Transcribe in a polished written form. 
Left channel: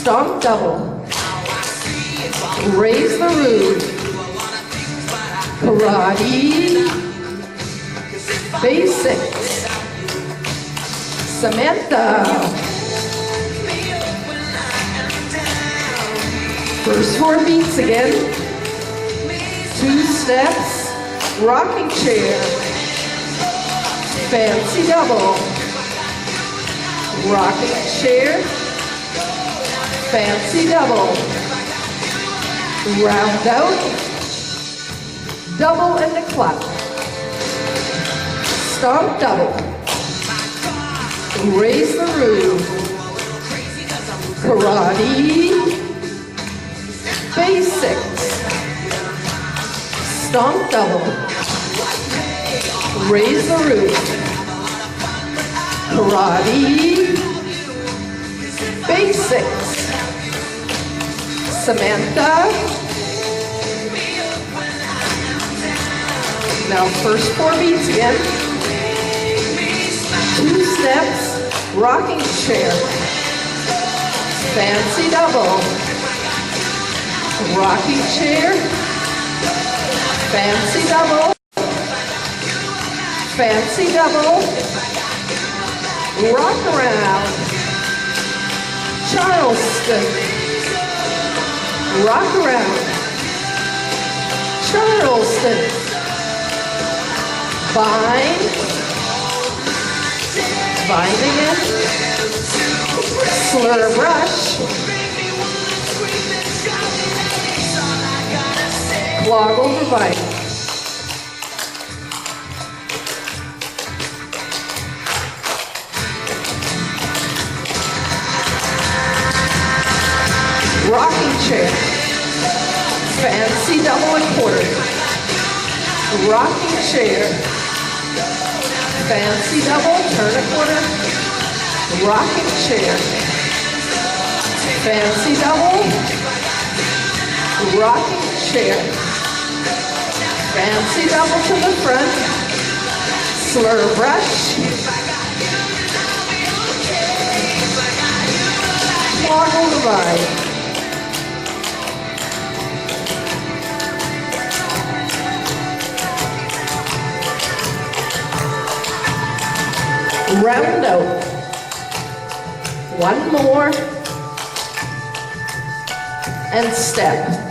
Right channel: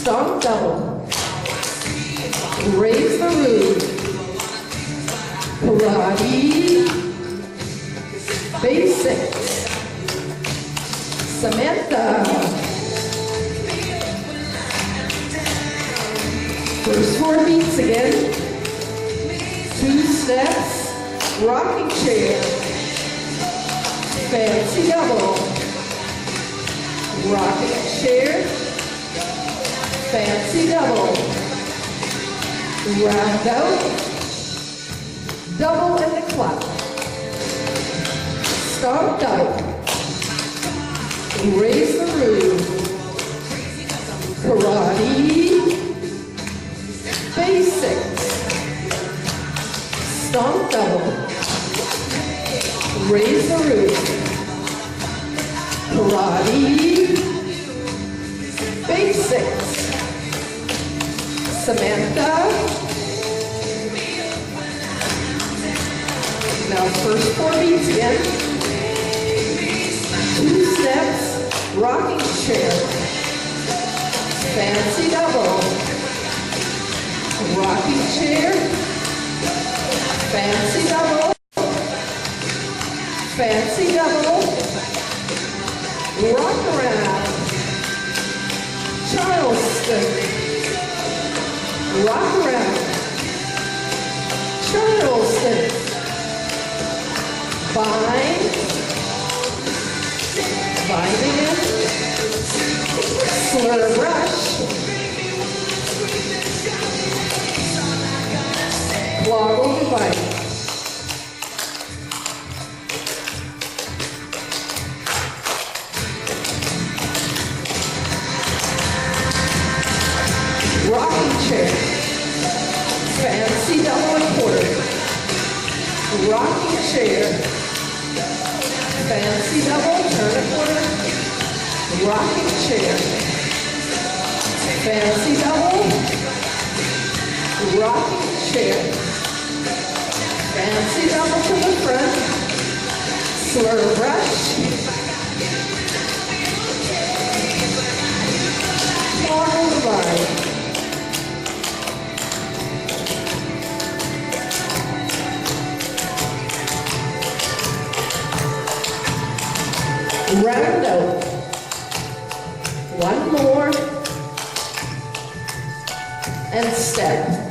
Stomp double. Raise the root. Karate. Basics. Samantha. First 4 beats again. 2 steps. Rocking chair. Fancy double. Rocking chair. Fancy double. Round out. Double and a clap. Stomp double. Raise the roof. Karate. Basics. Stomp double. Raise the roof. Karate. Basics. Samantha. Now first 4 beats again. 2 steps, rocking chair. Fancy double. Rocking chair. Fancy double. Fancy double. Rock around. Charleston. Rock around. Charleston. Bind. Bind again. Slur brush. Clog over bind. Rocking chair. Fancy double and quarter. Rocking chair. Fancy double, turn a quarter. Rocking chair. Fancy double. Rocking chair. Fancy double to the front. Slur brush. Clog over bind. Round out. 1 more. And step.